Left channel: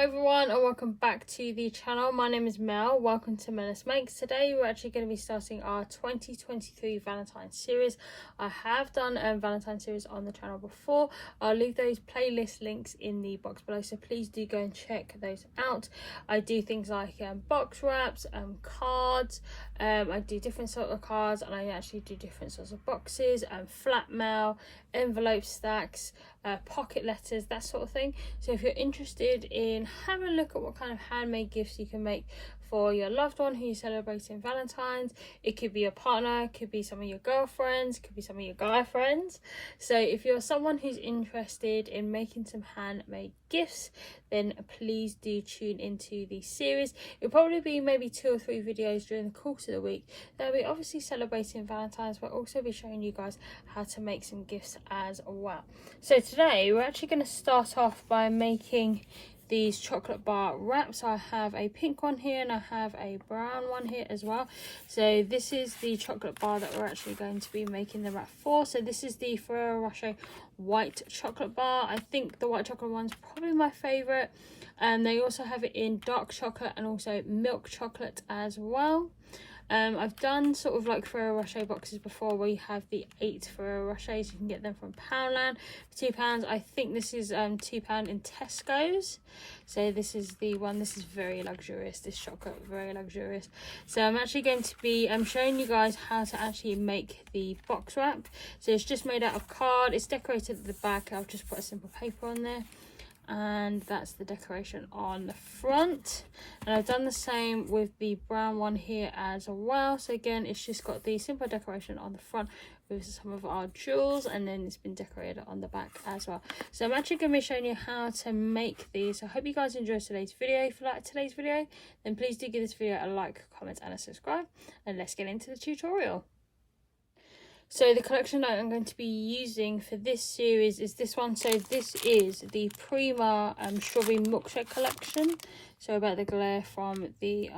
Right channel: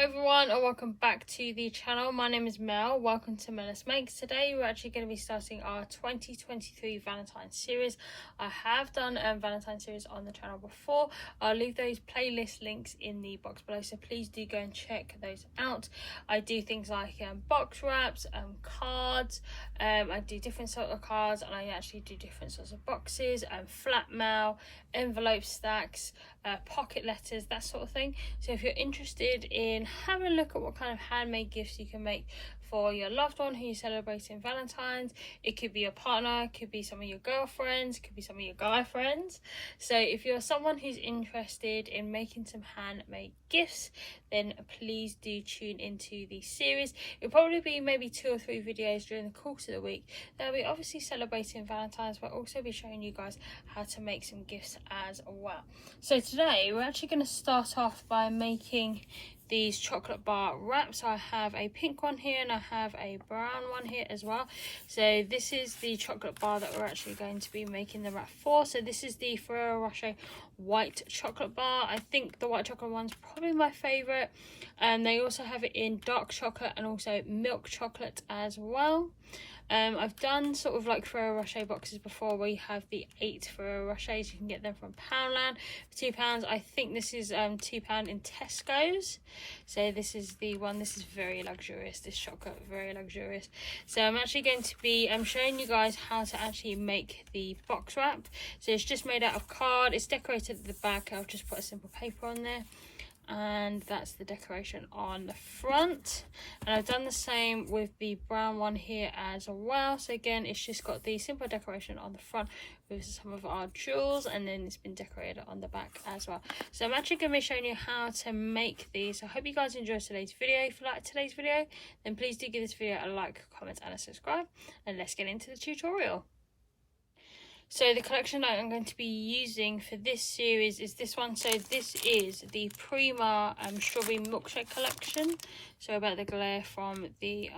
Hi everyone and welcome back to the channel. My name is Mel. Welcome to Melus Makes. Today we're actually going to be starting our 2023 Valentine series. I have done a Valentine series on the channel before. I'll leave those playlist links in the box below, so please do go and check those out. I do things like box wraps, cards. I do different sort of cards, and I actually do different sorts of boxes and flat mail, envelope stacks, pocket letters, that sort of thing. So if you're interested in having a look at what kind of handmade gifts you can make for your loved one who you're celebrating Valentine's, it could be your partner, it could be some of your girlfriends, it could be some of your guy friends. So if you're someone who's interested in making some handmade gifts, then please do tune into the series. It'll probably be maybe 2 or 3 videos during the course of the week. They'll be obviously celebrating Valentine's, but also be showing you guys how to make some gifts as well. So today we're actually going to start off by making these chocolate bar wraps. I have a pink one here and I have a brown one here as well. So this is the chocolate bar that we're actually going to be making the wrap for. So this is the Ferrero Rocher white chocolate bar. I think the white chocolate one's probably my favorite, and they also have it in dark chocolate and also milk chocolate as well. I've done sort of like Ferrero Rocher boxes before where you have the 8 Ferrero Rochers. You can get them from Poundland for £2. I think this is £2 in Tesco's. So this is the one. This is very luxurious, this chocolate, very luxurious. So I'm actually going to be showing you guys how to actually make the box wrap. So it's just made out of card. It's decorated at the back. I'll just put a simple paper on there, and that's the decoration on the front. And I've done the same with the brown one here as well. So again, it's just got the simple decoration on the front with some of our jewels, and then it's been decorated on the back as well. So I'm actually going to be showing you how to make these. So I hope you guys enjoyed today's video. If you like today's video, then please do give this video a like, comment and a subscribe, and let's get into the tutorial. So the collection that I'm going to be using for this series is this one. So this is the Prima Strawberry Milkshake collection. Sorry about the glare from the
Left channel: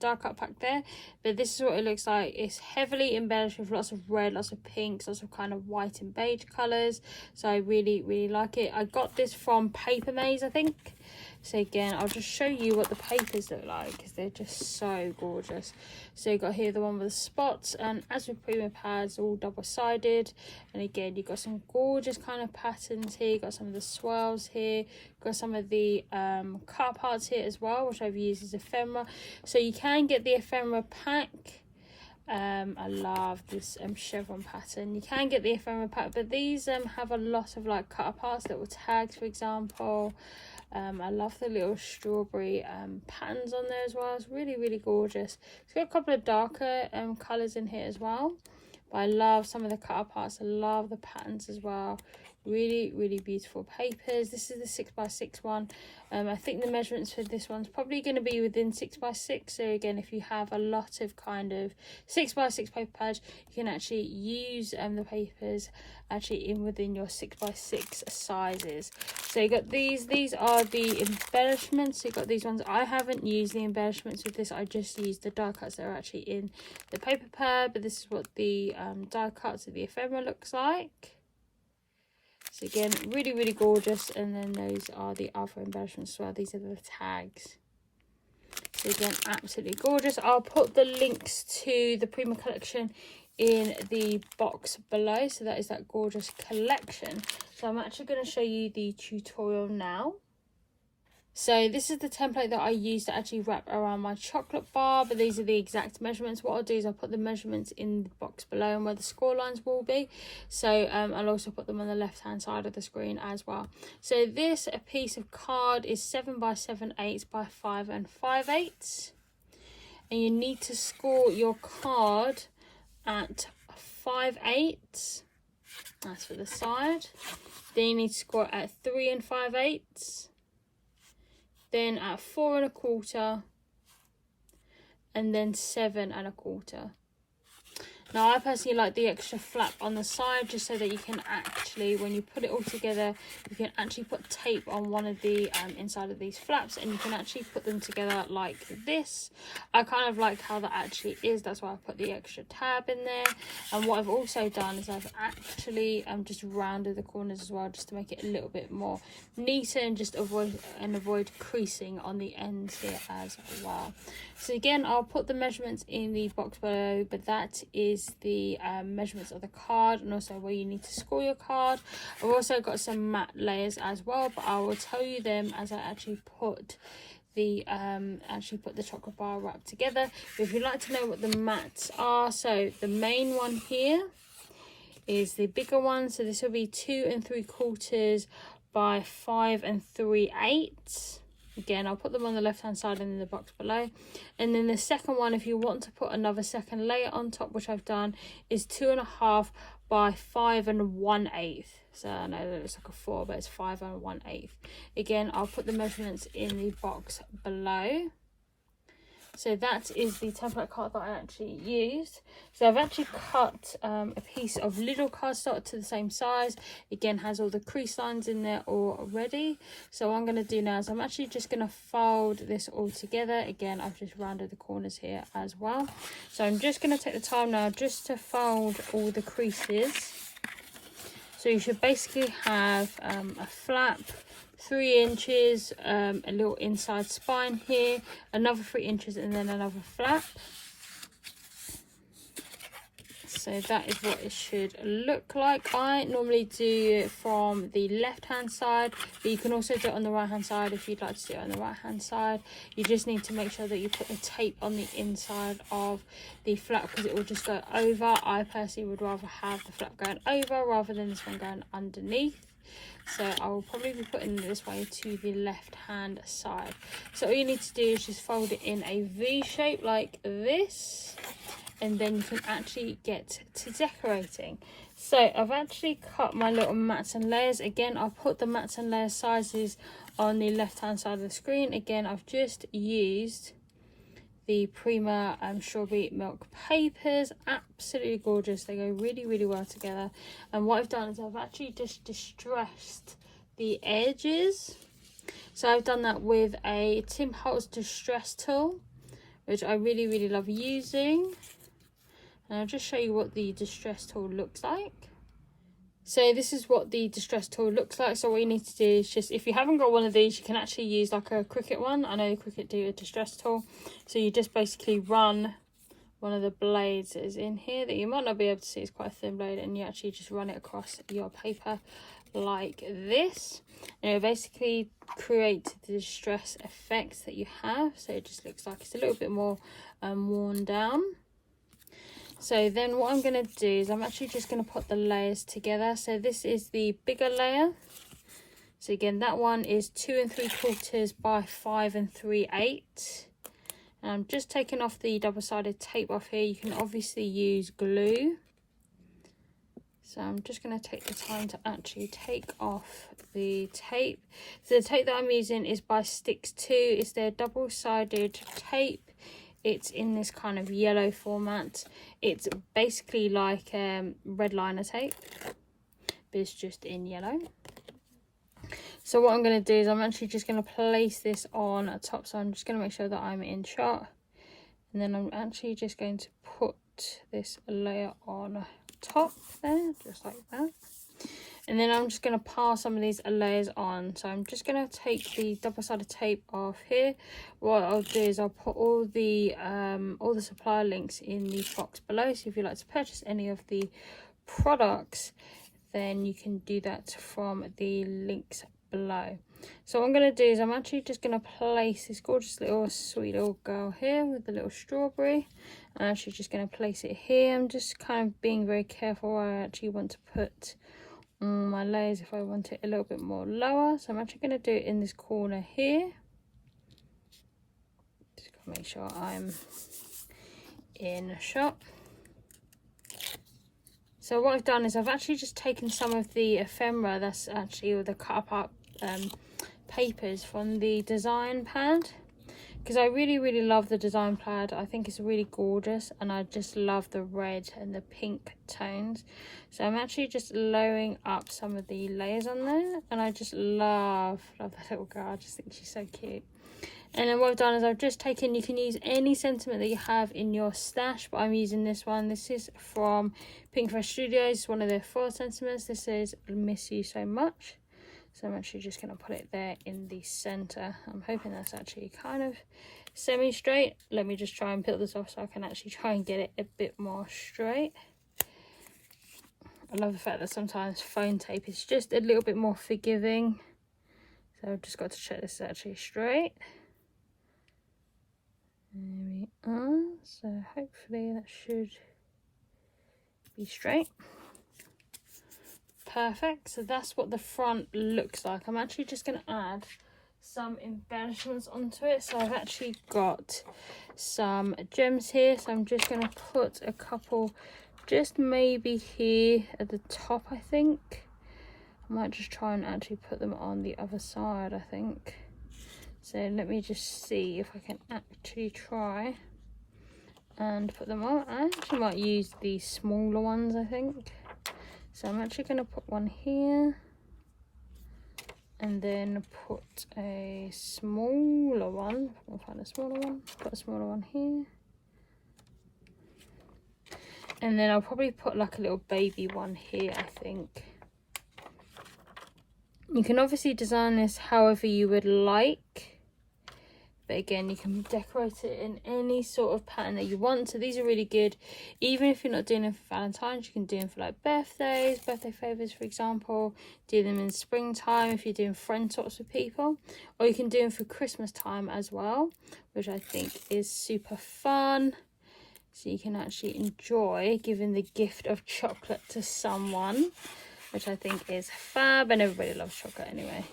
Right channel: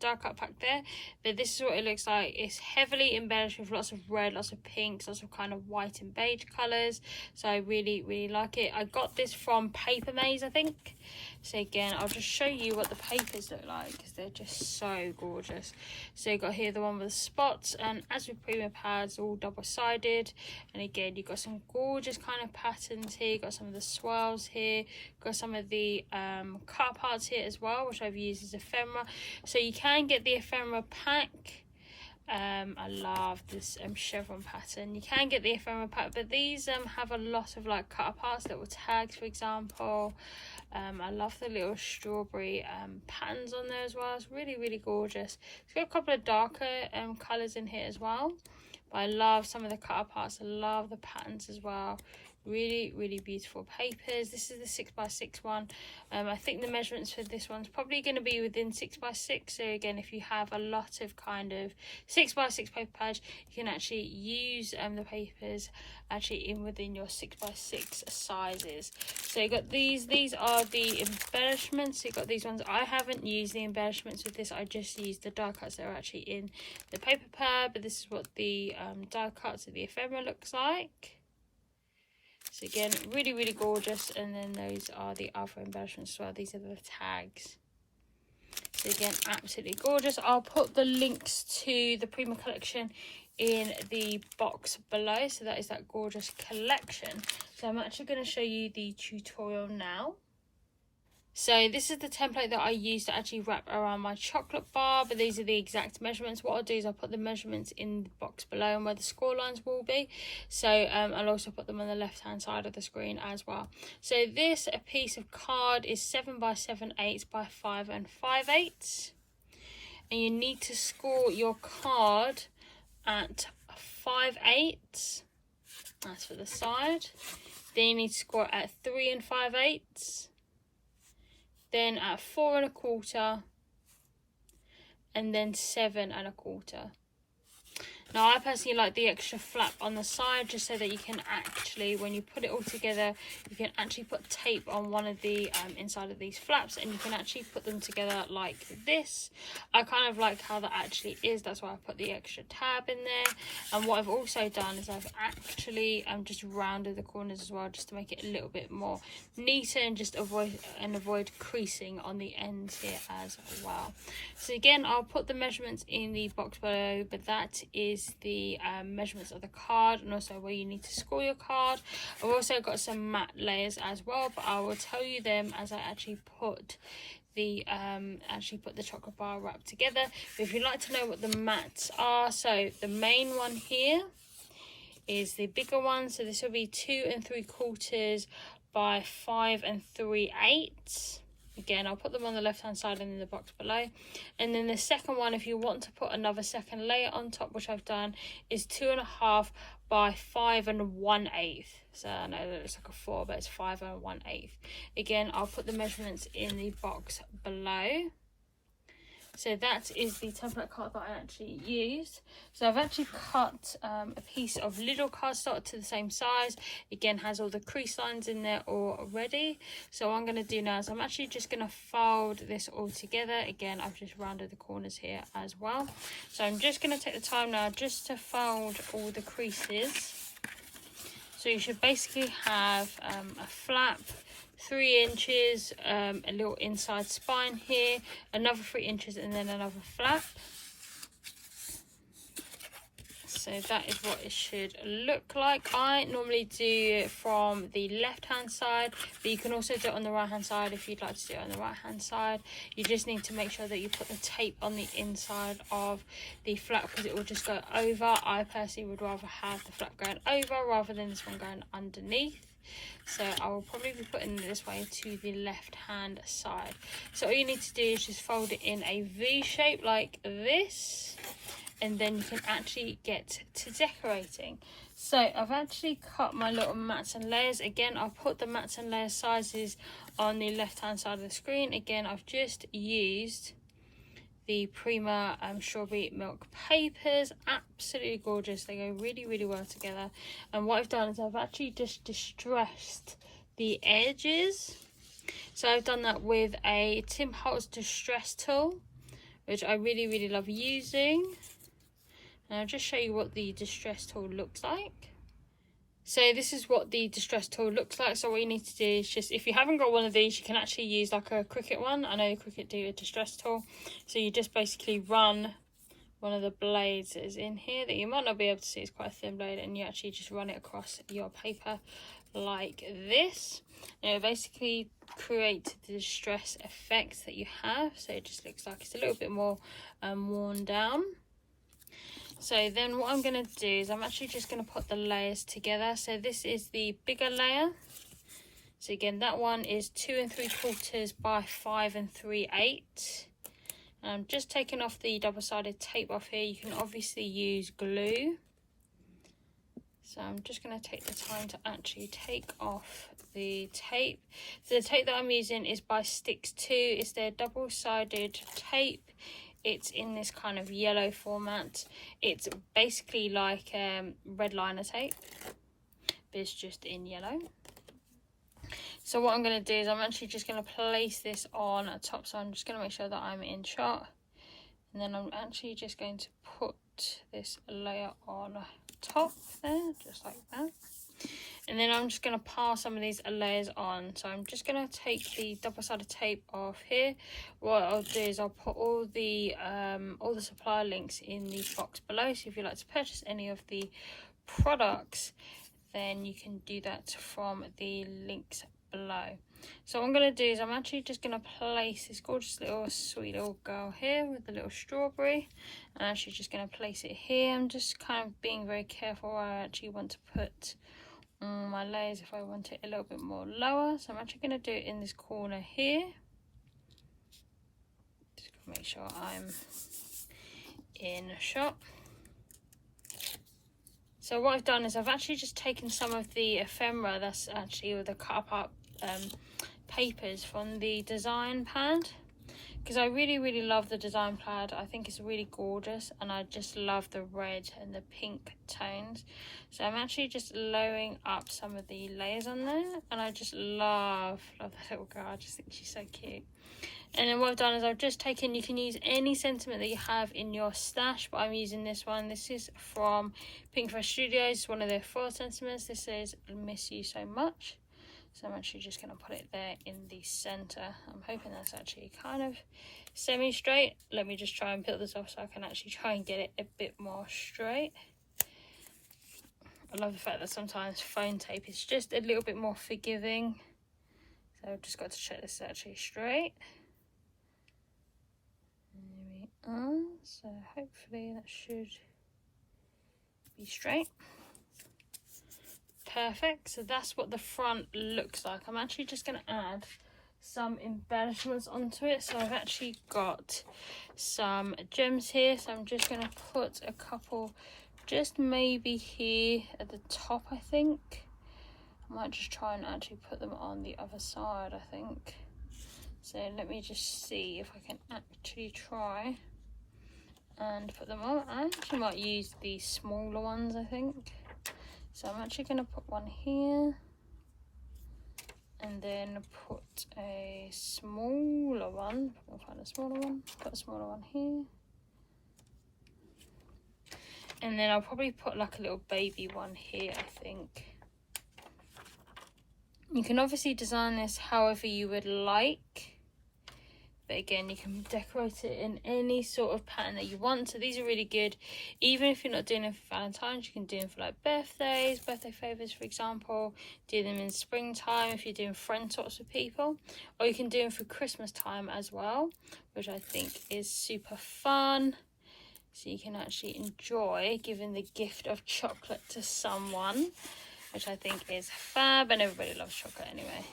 dark cut pack there. But this is what it looks like. It's heavily embellished with lots of red, lots of pinks, lots of kind of white and beige colours. So I really, really like it. I got this from Paper Maze, I think. So again, I'll just show you what the papers look like because they're just so gorgeous. So you got here the one with the spots, and as with Prima pads, all double-sided. And again, you've got some gorgeous kind of patterns here. You've got some of the swirls here. You've got some of the cut parts here as well, which I've used as ephemera. So you can get the ephemera pack. I love this chevron pattern. You can get the ephemera pack, but these have a lot of like cut parts, little tags, for example. I love the little strawberry patterns on there as well. It's really, really gorgeous. It's got a couple of darker colours in here as well. But I love some of the cut parts. I love the patterns as well. Really, really beautiful papers. This is the 6x6 one. I think the measurements for this one's probably going to be within 6x6. So again, if you have a lot of kind of 6x6 paper pads, you can actually use the papers actually in within your 6x6 sizes. So you got these are the embellishments. So you got these ones. I haven't used the embellishments with this. I just used the die cuts that are actually in the paper pad. But this is what the die cuts of the ephemera looks like. So again, really, really gorgeous. And then those are the other embellishments as well. These are the tags. So again, absolutely gorgeous. I'll put the links to the Prima collection in the box below. So that is that gorgeous collection. So I'm actually going to show you the tutorial now. So this is the template that I use to actually wrap around my chocolate bar, but these are the exact measurements. What I'll do is I'll put the measurements in the box below and where the score lines will be. So I'll also put them on the left hand side of the screen as well. So this piece of card is 7x7/8 by 5 5/8, and you need to score your card at 5/8. That's for the side. Then you need to score at 3 5/8. Then at 4 1/4, and then 7 1/4. Now I personally like the extra flap on the side, just so that you can actually, when you put it all together, you can actually put tape on one of the inside of these flaps, and you can actually put them together like this. I kind of like how that actually is, that's why I put the extra tab in there. And what I've also done is I've actually just rounded the corners as well, just to make it a little bit more neater, and just avoid creasing on the ends here as well. So again, I'll put the measurements in the box below, but that is the measurements of the card, and also where you need to score your card. I've also got some matte layers as well, but I will tell you them as I actually put the chocolate bar wrap together. But if you'd like to know what the mattes are, so the main one here is the bigger one, so this will be 2 3/4 by 5 3/8. Again, I'll put them on the left hand side and in the box below. And then the second one, if you want to put another second layer on top, which I've done, is 2.5 by 5 1/8. So I know that it's like a 4, but it's 5 1/8. Again, I'll put the measurements in the box below. So that is the template card that I actually used. So I've actually cut a piece of Lidl Cardstock to the same size. Again, has all the crease lines in there already. So what I'm going to do now is I'm actually just going to fold this all together. Again, I've just rounded the corners here as well. So I'm just going to take the time now just to fold all the creases. So you should basically have a flap, 3 inches, a little inside spine here, another 3 inches, and then another flap. So that is what it should look like. I normally do it from the left hand side, but you can also do it on the right hand side if you'd like to do it on the right hand side. You just need to make sure that you put the tape on the inside of the flap, because it will just go over. I personally would rather have the flap going over rather than this one going underneath. So I will probably be putting it this way to the left hand side. So all you need to do is just fold it in a V shape like this, and then you can actually get to decorating. So I've actually cut my little mats and layers. Again, I'll put the mats and layer sizes on the left hand side of the screen. Again, I've just used the Prima strawberry milk papers. Absolutely gorgeous, they go really well together. And what I've done is I've actually just distressed the edges. So I've done that with a Tim Holtz distress tool, which I really love using. And I'll just show you what the distress tool looks like. So this is what the distress tool looks like. So what you need to do is just, if you haven't got one of these, you can actually use like a Cricut one. I know Cricut do a distress tool. So you just basically run one of the blades that is in here that you might not be able to see, it's quite a thin blade, and you actually just run it across your paper like this. And it'll basically create the distress effects that you have. So it just looks like it's a little bit more worn down. So then what I'm going to do is I'm actually just going to put the layers together. So this is the bigger layer. So again, that one is 2 3/4 by 5 3/8. And I'm just taking off the double-sided tape off here. You can obviously use glue. So I'm just going to take the time to actually take off the tape. So the tape that I'm using is by Sticks 2. It's their double-sided tape. It's in this kind of yellow format. It's basically like red liner tape, but it's just in yellow. So what I'm going to do is I'm actually just going to place this on top. So I'm just going to make sure that I'm in shot. And then I'm actually just going to put this layer on top there, just like that. And then I'm just going to pile some of these layers on. So I'm just going to take the double-sided tape off here. What I'll do is I'll put all the supplier links in the box below. So if you'd like to purchase any of the products, then you can do that from the links below. So what I'm going to do is I'm actually just going to place this gorgeous little sweet little girl here with the little strawberry. I'm actually just going to place it here. I'm just kind of being very careful where I actually want to put my layers if I want it a little bit more lower. So I'm actually going to do it in this corner here. Just gotta make sure I'm in shot. So what I've done is I've actually just taken some of the ephemera, that's actually all the cut up papers from the design pad. because I really love the design plaid. I think it's really gorgeous, and I just love the red and the pink tones. So I'm actually just lowering up some of the layers on there, and I just love that little girl. I just think she's so cute. And then what I've done is I've just taken, you can use any sentiment that you have in your stash, but I'm using this one. This is from Pink Fresh Studios. It's one of their 4 sentiments. This is Miss You So Much. So I'm actually just going to put it there in the center. I'm hoping that's actually kind of semi-straight. Let me just try and peel this off so I can actually try and get it a bit more straight. I love the fact that sometimes phone tape is just a little bit more forgiving. So I've just got to check this is actually straight. There we are. So hopefully that should be straight. Perfect. So that's what the front looks like. I'm actually just going to add some embellishments onto it. So I've actually got some gems here. So I'm just going to put a couple just maybe here at the top, I think. I might just try and actually put them on the other side, I think. So let me just see if I can actually try and put them on. I actually might use the smaller ones, I think. So I'm actually going to put one here. And then put a smaller one. I'll find a smaller one. Put a smaller one here. And then I'll probably put like a little baby one here, I think. You can obviously design this however you would like. But again, you can decorate it in any sort of pattern that you want. So these are really good. Even if you're not doing them for Valentine's, you can do them for like birthdays, birthday favours, for example. Do them in springtime if you're doing friend sorts with people. Or you can do them for Christmas time as well, which I think is super fun. So you can actually enjoy giving the gift of chocolate to someone, which I think is fab, and everybody loves chocolate anyway.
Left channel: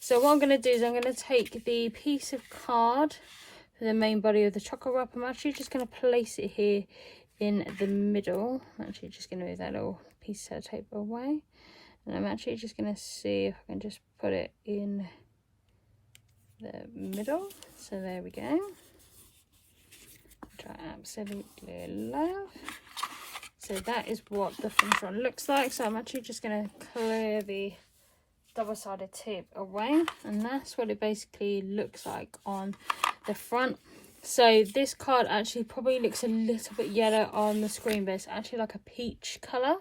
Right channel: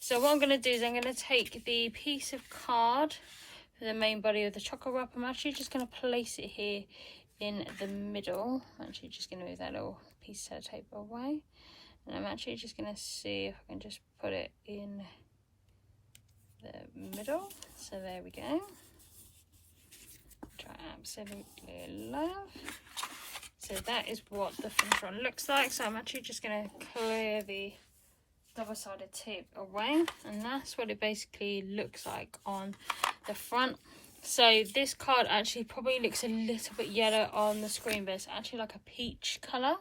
So what I'm going to do is I'm going to take the piece of card for the main body of the chocolate wrap. I'm actually just going to place it here in the middle. I'm actually just going to move that little piece of tape away. And I'm actually just going to see if I can just put it in the middle. So there we go. Which I absolutely love. So that is what the finished one looks like. So I'm actually just going to clear the double-sided tip away, and that's what it basically looks like on the front. So this card actually probably looks a little bit yellow on the screen, but it's actually like a peach color,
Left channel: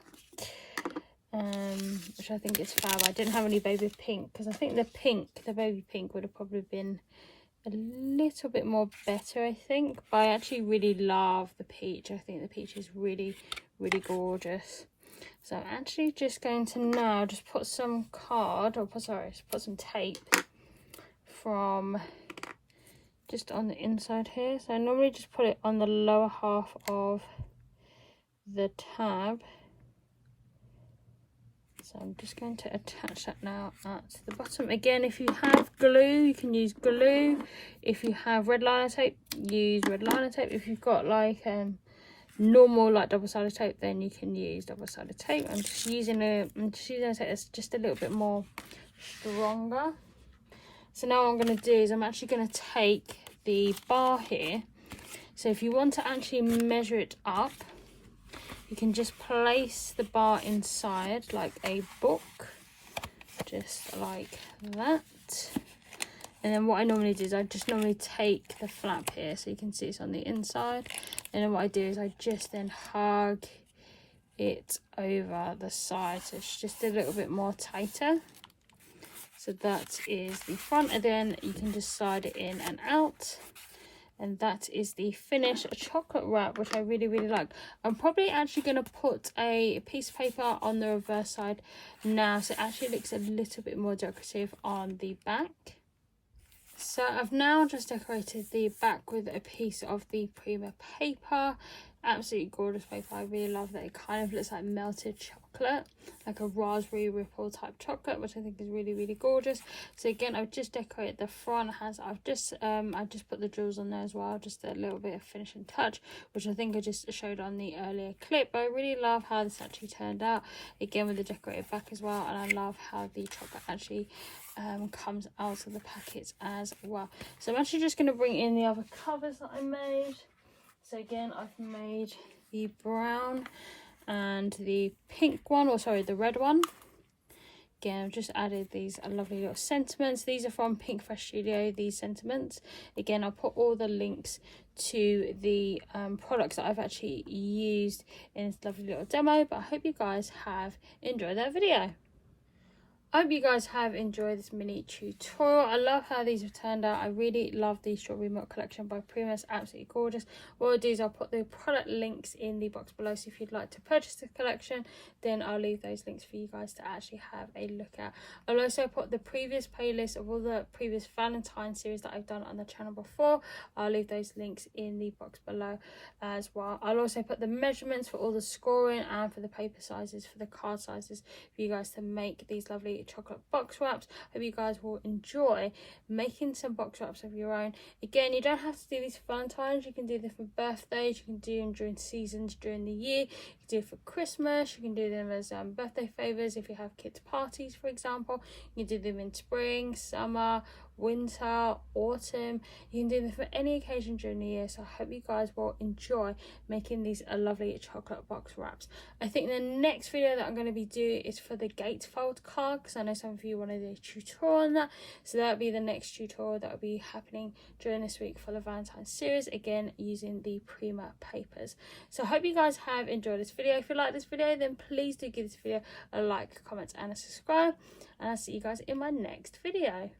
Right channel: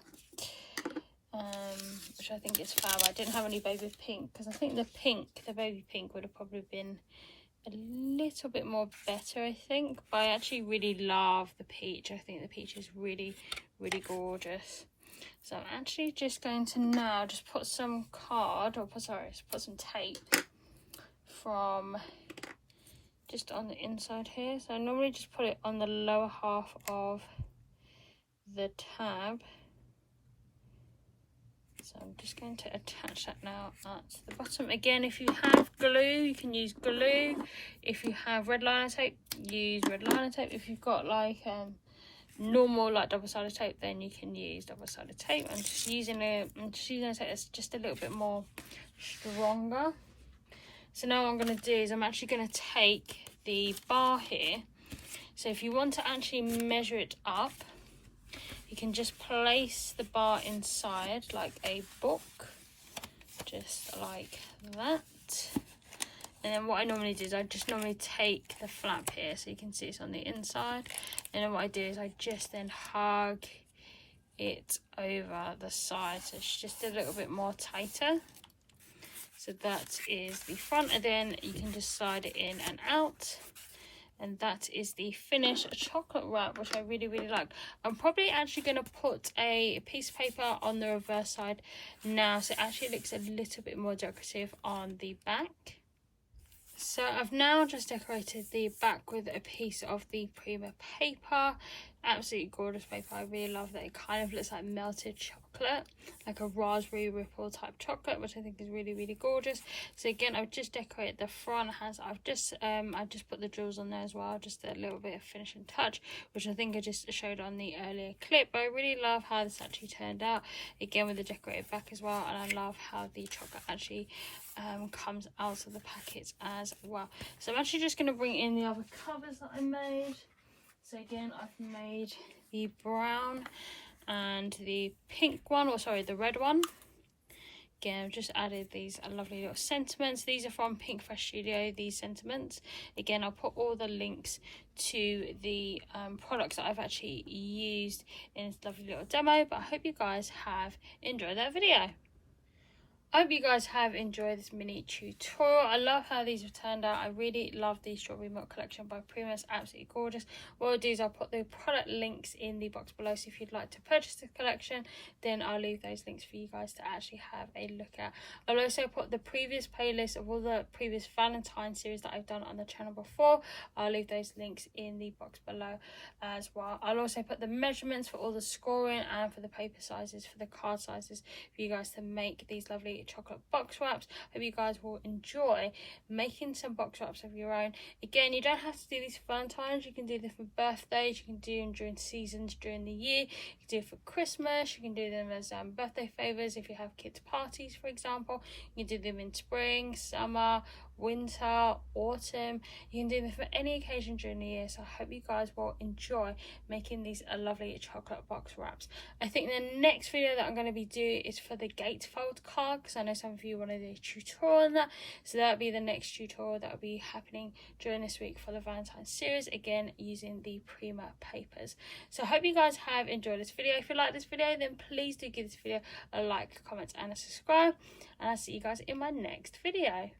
which I think is fab. I didn't have any baby pink because I think the baby pink would have probably been a little bit more better, I think. But I actually really love the peach. I think the peach is really gorgeous. So I'm actually just going to now just put some card, or put some tape from just on the inside here. So I normally just put it on the lower half of the tab. So I'm just going to attach that now at the bottom. Again, if you have glue, you can use glue. If you have red liner tape, use red liner tape. If you've got like normal like double-sided tape, then you can use double-sided tape. I'm just using a tape that's just a little bit more stronger. So now what I'm going to do is I'm actually going to take the bar here. So if you want to actually measure it up, you can just place the bar inside like a book, just like that. And then what I normally do is I just normally take the flap here, so you can see it's on the inside. And then what I do is I just then hug it over the side, so it's just a little bit more tighter. So that is the front, and then you can just slide it in and out. And that is the finished chocolate wrap, which I really like. I'm probably actually going to put a piece of paper on the reverse side now, so it actually looks a little bit more decorative on the back. So I've now just decorated the back with a piece of the Prima paper. Absolutely gorgeous paper. I really love that. It kind of looks like melted chocolate. chocolate, like a raspberry ripple type chocolate, which I think is really, really gorgeous. So again, I've just decorated the front. I've just put the jewels on there as well, just a little bit of finishing touch, which I think I just showed on the earlier clip. But I really love how this actually turned out, again with the decorated back as well, and I love how the chocolate actually comes out of the packets as well. So I'm actually just going to bring in the other covers that I made. So again, I've made the brown and the pink one, or sorry, the red one. Again, I've just added these lovely little sentiments. These are from Pink Fresh Studio, these sentiments. Again, I'll put all the links to the products that I've actually used in this lovely little demo. But I hope you guys have enjoyed that video. I hope you guys have enjoyed this mini tutorial. I love how these have turned out. I really love the strawberry milk collection by Prima. It's absolutely gorgeous. What I'll do is I'll put the product links in the box below, so if you'd like to purchase the collection, then I'll leave those links for you guys to actually have a look at. I'll also put the previous playlist of all the previous Valentine series that I've done on the channel before. I'll leave those links in the box below as well. I'll also put the measurements for all the scoring and for the paper sizes, for the card sizes, for you guys to make these lovely chocolate box wraps. Hope you guys will enjoy making some box wraps of your own. Again, you don't have to do these for Valentine's. You can do them for birthdays, you can do them during seasons during the year, you can do it for Christmas, you can do them as birthday favors if you have kids parties, for example. You can do them in spring, summer, winter, autumn. You can do them for any occasion during the year. So I hope you guys will enjoy making these lovely chocolate box wraps. I think the next video that I'm going to be doing is for the gatefold card, because I know some of you want to do a tutorial on that. So that'll be the next tutorial that will be happening during this week for the Valentine series, again using the Prima papers. So I hope you guys have enjoyed this video. If you like this video, then please do give this video a like, comment and a subscribe, and I'll see you guys in my next video.